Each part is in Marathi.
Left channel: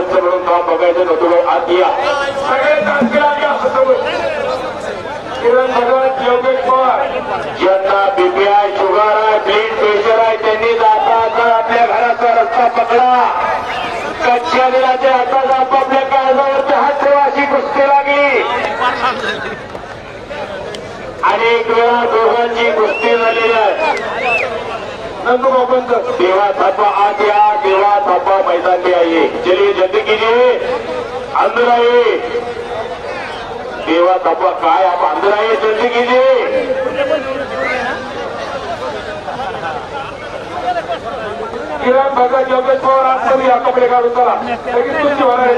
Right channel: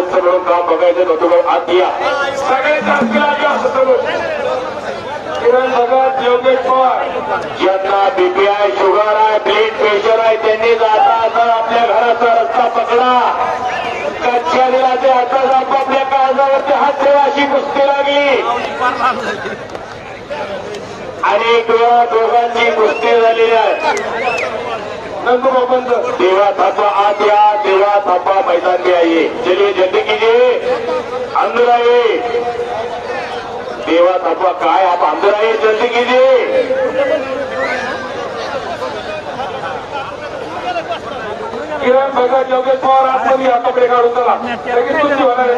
सरपंच म्हणून काम बघायचं नव्हतं. आज या सगळे किरण भगत, योगेश पवार ज्यांना बीपीआय, शुगर आहे, ब्लड प्रेशर आहे, त्यांनी जाता आता आपल्या घराचा रस्ता पकडा. कच्च्या दिनाच्या हातात आपापल्या काळजावरती हात ठेवा अशी कुस्ती लागली. अनेक वेळा दोघांची कुस्ती झालेली आहे. नंदूबाबांचं देवा थापा आत या, देवा थापा मैदान में आइए. चलिए जल्दी कीजिए, अंदर आइए. देवा थापा काय आप अंदर आइए, जल्दी कीजिए. किरण भगत, योगेश पवार आतमध्ये या, कपडे काढून चला. लगेच कुस्ती होणार आहे.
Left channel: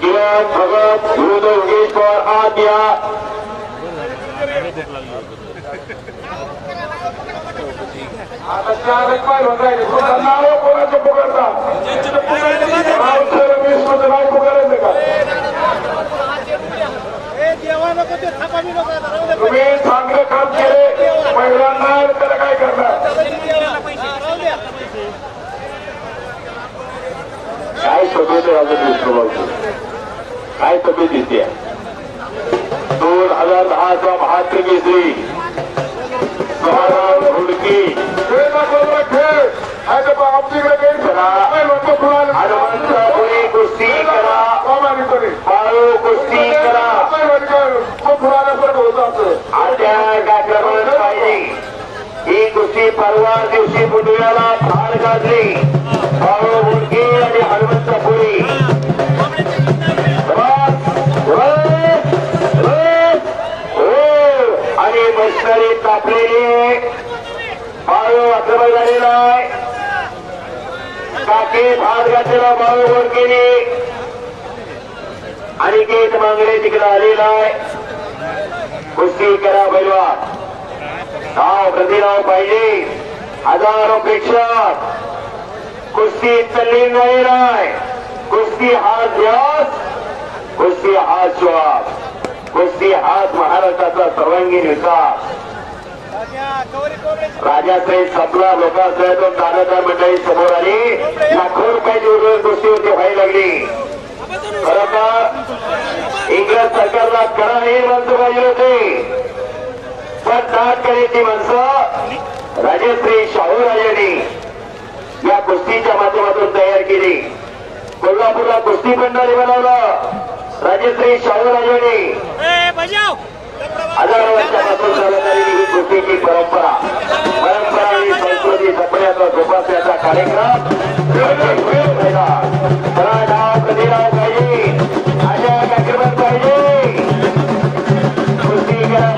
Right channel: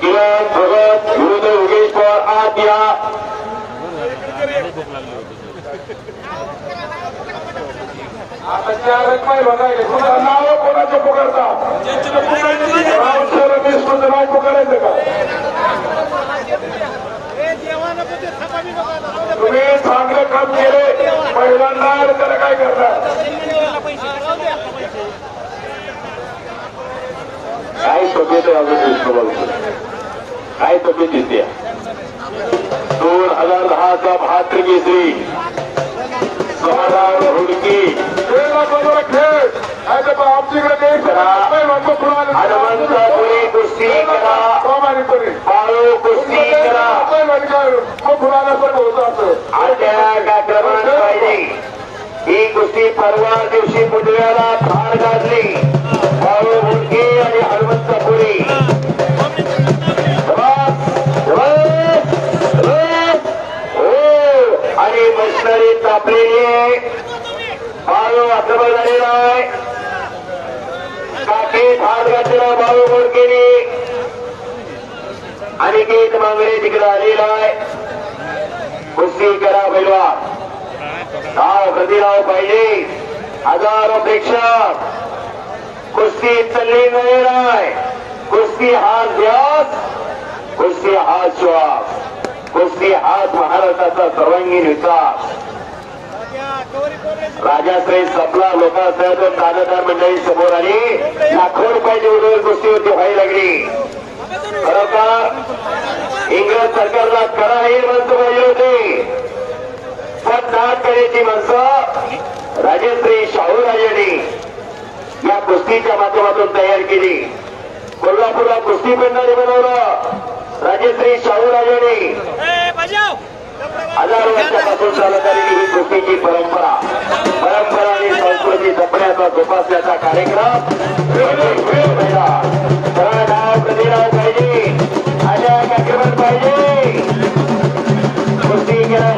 किरण भगत विरुद्ध योगेश पवार आत या. आता 4 पाय बघायचे. नाव कोणाचं पुकारता? नाव पुकारायचं का? तुम्ही चांगलं काम केले पहिल्यांदा, त्याला काय करणार? काय तब्येत आहे अजून? काय तब्येत येते? 2010चा महाराष्ट्र केसरी समाधान हुडकी हनुमंतपुरी कुस्ती करा, बाळू कुस्ती करा. आजच्या कार्यक्रमात पाहिजे ही कुस्ती परवा दिवशी बुधवारला फार गाजली. बाळू हुडकी आणि हनुमंतपुरी आणि मशिनरी तापलेली आहे. बाळू आक्रमण झालेला आहे. काके भाग घातलेला बाळू बोडकेने. अनिकेत मांगरे तिकडे आलेला आहे. कुस्ती करा पैलवान, नाव प्रतिनाव पाहिजे. हजारो प्रेक्षक. कुस्ती चालली नाही राय. कुस्ती हा ध्यास, कुस्ती हा श्वास, कुस्ती हाच महाराष्ट्राचा सर्वांगीण विकास. राजाश्रय संपला, लोकांसह दोन दादादार मंडळी समोर आली. लाखो रुपयाची उडवून कुस्ती होती व्हायला लागली. खरोखर इंग्रज सरकारला करा ही माणसं पाहिजे होती, पण दाट करण्याची माणसं राजश्री शाहूराजांनी या कुस्तीच्या माध्यमातून तयार केली. कोल्हापूरला कुस्ती मंडळी बनवलं राजश्री शाहूराजांनी. हजारो वर्षापासून चालत आलेली ही कुस्तीची परंपरा आणि संस्कृती जपण्याचा जोपासण्याचा कार्यक्रम. नाव प्रतिनाव पाहिजे, अशा कार्यक्रमात पाहिजे. कुस्ती करा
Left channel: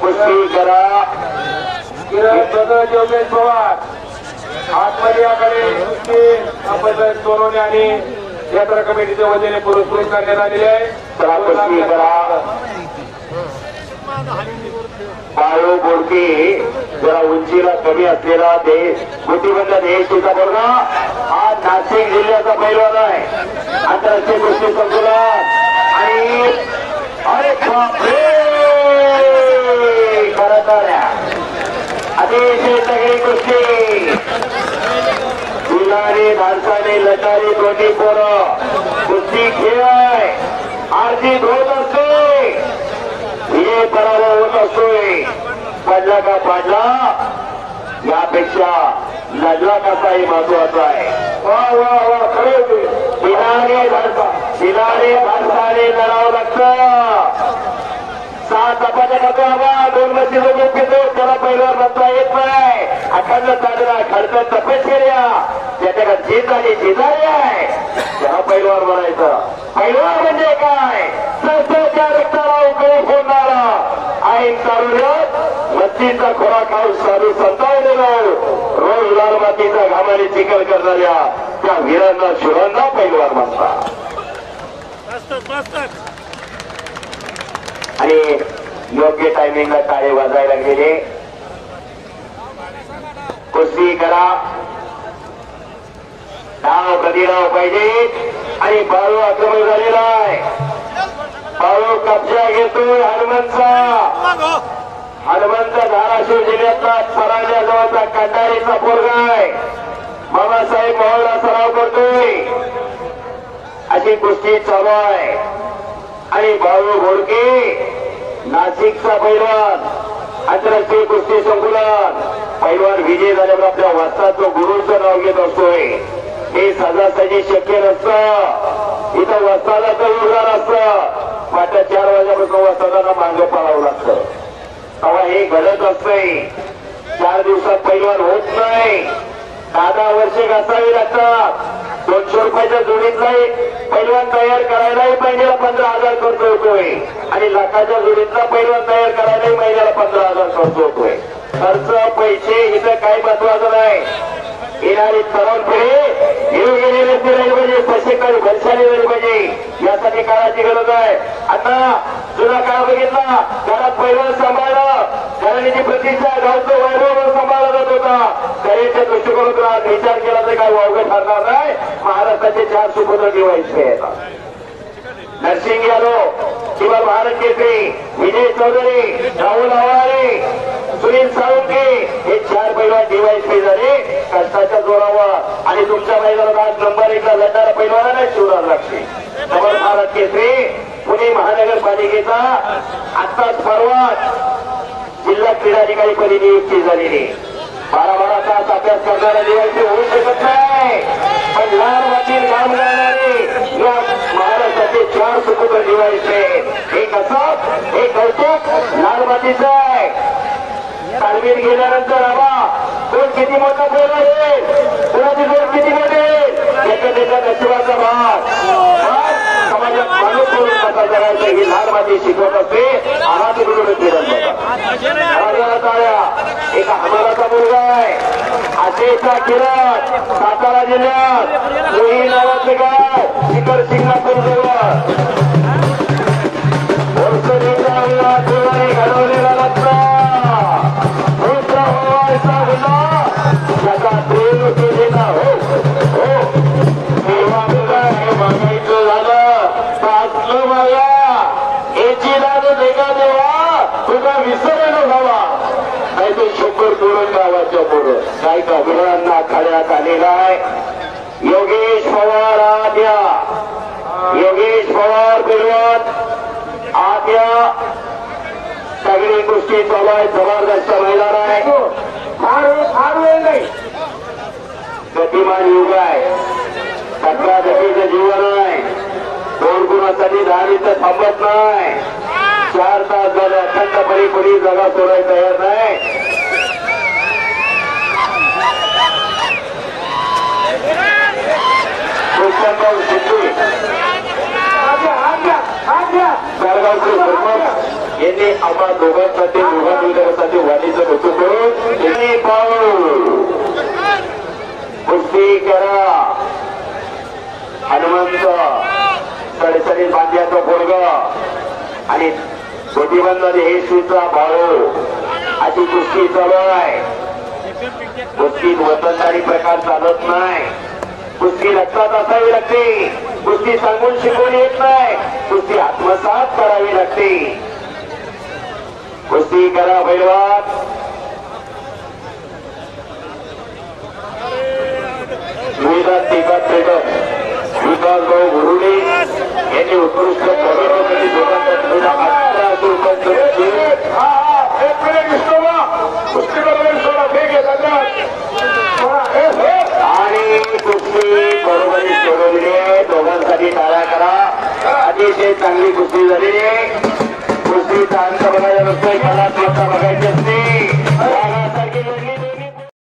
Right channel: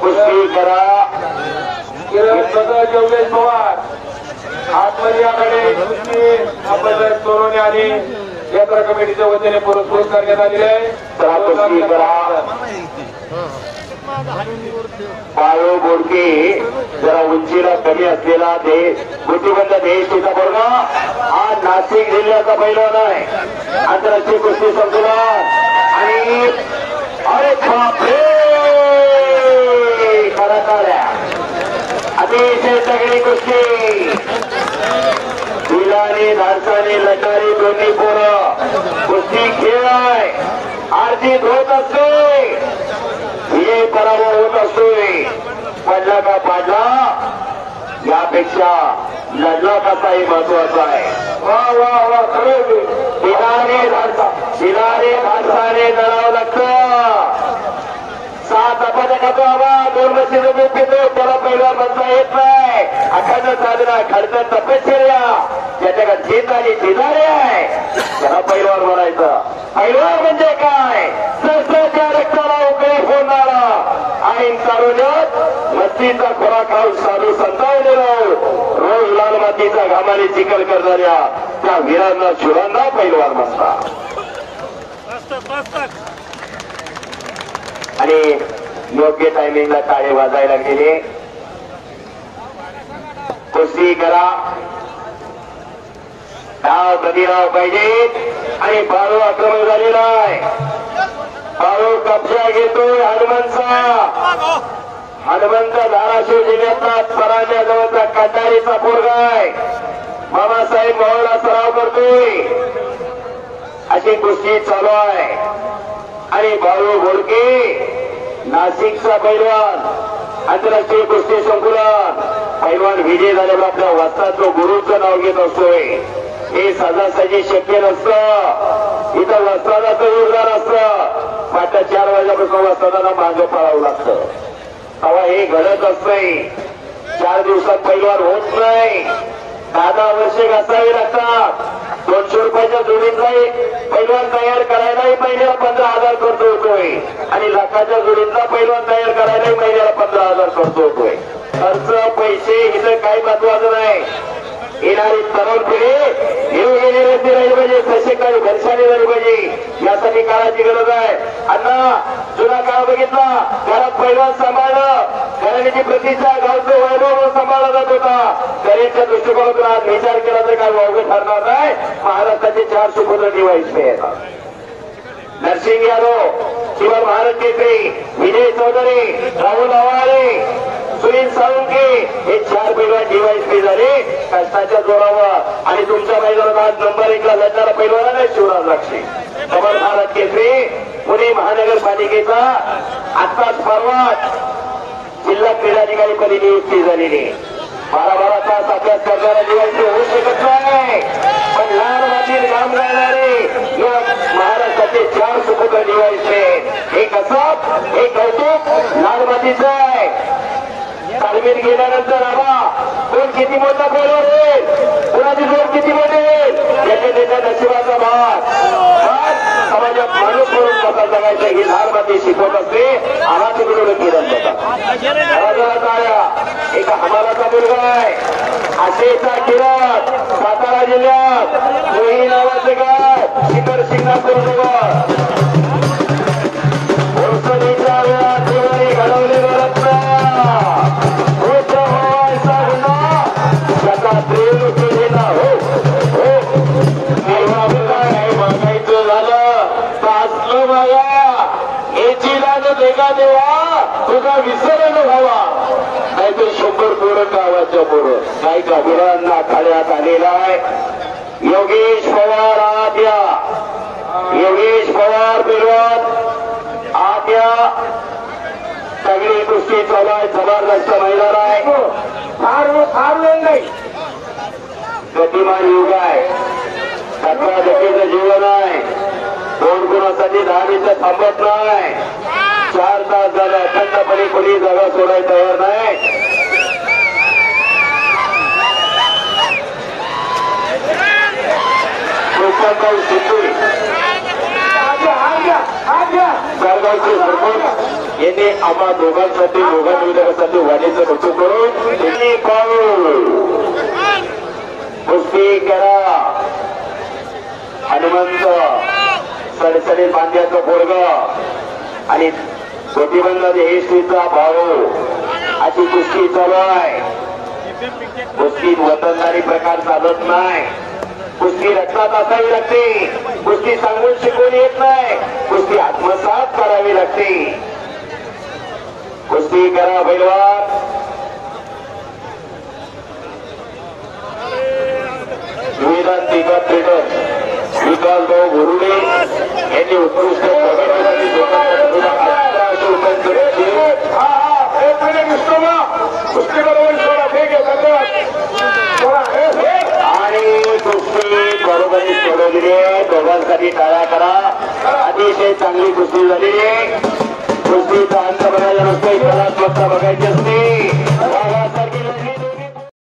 कुस्ती करा. किरण भगत, योगेश पवार आतमध्ये याकडे आपण सोडवणे आणि यात्रा कमिटीच्या वतीने पुरस्कृत करण्यात आलेले आहे. कुस्ती करा. बाळू बोडके जरा उंचीला कमी असलेला देश गोटीबंद देश तिचा बोलगा हा नाशिक जिल्ह्याचा पैलवान आहे. आंतरराष्ट्रीय कुस्ती संकुलात आणि अरे बापरे करणाऱ्या अतिशय तगडी कुस्ती. दुलारी धाडसाने लढणारी दोन्ही पोरं. कुस्ती खेळ आहे, आरजीत होत असतोय, हे पराभव होत असतोय. पडला का पाडला यापेक्षा लढला कसाही महत्वाचा आहे. वा वा वा खरं दिनाने धाडसाने लढावं लागतं. 7 अपघात हवा 2 वर्षाचा दूध पितो त्याला पहिला म्हणता येत नाही. अखंड साधना खडकन तपश्चर्या ज्याच्या जितारी जिजारी आहे त्याला पैलवान म्हणायचं. पैलवान म्हणजे काय? संस्थेच्या रक्ताला उकळी फोडणारा आणि तारुण्यात मस्तीचा खोराक खाऊन साधू संतावलेलं रोज लालमातीचा घामाने चिकन करणाऱ्या त्या वीरांना शिरांना पैलवान म्हणतात. आणि योग्य टायमिंगला टाळे वाजायला गेले. कुस्ती करा. डाव प्रतिराव पाहिजे आणि बाळू आक्रमण झालेला आहे. बाळू कब्जा घेतोय हनुमंतचा. हनुमंत धाराशिव जिल्ह्यातला परांड्या जवळचा कंडारीचा पोरगा आहे. मामासाहेब मोहनला सराव करतोय. अशी कुस्ती चालू आहे. आणि बाळू घोडके नाशिकचा पैलवान आंतरराष्ट्रीय कुस्ती संकुलात पैलवान विजय झाल्यावर आपल्या वस्ताचं गुरुचं नाव घेत असतोय. हे सहजासहजी शक्य नसतं. इथं वस्तादाचं योगदान असतं. मात्र 4 वाजल्यापासून वस्तादांना मागे पळावं लागतं. तेव्हा हे घडत असतंय. 4 दिवसात पैलवान होत नाही. 10 वर्षे घासावी लागतात. 200 रुपयाच्या जोडीतला पैलवान तयार करायलाही महिन्याला 15,000 खर्च होतोय. आणि लाखाच्या जोडीतला पैलवान तयार करायलाही महिन्याला 15,000 खर्च होतोय. खर्च पैसे इथं काही महत्वाचं नाही. येणारी तरुण पिढी निरोगी राहिली पाहिजे. सशक्त आणि बलशाली झाली पाहिजे. यासाठी काळाची गरज आहे. अण्णा जुना काळ बघितला. घरात पैलवान सांभाळलं. घराण्याची प्रतिष्ठा गावचं वैभव सांभाळला जात होता. शरीरच्या दृष्टिकोनातून आज विचार केला तरी काही वावगं ठरणार नाही. महाराष्ट्राचे 4 सुपुत्र दिवाळीचे येतात. नरसिंग यादव किंवा भारत केसरी विजय चौधरी राहुल आवारे सुनील साळुंके हे 4 पैलवान DYSP झाले कष्टाच्या जोरावर. आणि तुमच्या मैदानात आज नंबर 1 ला लढणारा पैलवान आहे शिवराज राक्षे. डबल भारत केसरी पुणे महानगरपालिकेचा आत्ताच परवाच जिल्हा क्रीडाधिकारी पदी नियुक्ती झालेली. 12 तास अभ्यास करणारा DYSP होऊ शकत नाही. पण लहान मातीत काम करणारे या महाराष्ट्राचे 4 सुपुत्र DYSP. हे कसं हे कौतुक लहान मातीचं आहे. तालमीत गेल्यानंतर कोण किती मोठा पैलवान होईल, कुणाची जोड किती मोठेल याच्या त्याच्या नशिबाचा भाग. समाजात माणूस म्हणून कसा जगायचं ही लहान माती शिकवत असते. आम्हाला तिकडून केलं एका हमाराचा मुलगा आहे. आशेचा किरण सातारा जिल्ह्यात मोही नावाचं गाव शिखर शिंगणापूर जवळ घडवलेला रत्न मागायचं झालं तासलं मागा याची दाद देगा देवा तुझा विसरण व्हावा. नाही तर 100 पोरं गावाच्या पोरं काही का मुलांना खाण्यात आलेला आहे. योगेश पवार आद्या योगेश पवार पैलवान आद्या सगळी कुस्ती चालू आहे. जबरदस्त मैदान आहे. फार वेळ नाही. गतिमान युग आहे. धक्काधक्कीचं जीवन आहे. 2 गुणासाठी 10 मिनिटं थांबत नाही. 4 तास झालं अखंडपणे कोणी जागा सोडायला तयार नाही. कोकणगाव सिद्धू जळगावचे सरपंच यांनी आम्हा दोघांसाठी दोघांसाठी वाढीचं रुजू करून त्यांनी पाऊल कुस्ती करा. हनुमंत सडसडीत बांध्याचं पोरग आणि गोटीबंद हे सुद्धा बाळू अशी कुस्ती चालू आहे. कुस्तीत वतनदारी प्रकार चालत नाही. कुस्ती रक्तात असावी लागते. कुस्ती सांगून शिकवून येत नाही. कुस्ती आत्मसात करावी लागते. कुस्ती करा पैलवान. विधान तिकट विकास भाऊ गुरुडे यांनी उत्कृष्ट प्रगतीसाठी 1800 रुपये आणि कुस्ती बरोबरी सोडवली आहे. दोघांसाठी टाळ्या करा. अतिशय चांगली कुस्ती झालेली आहे. कुस्तीचा अंत बघायला नसतोय. कलात्मकता बघायला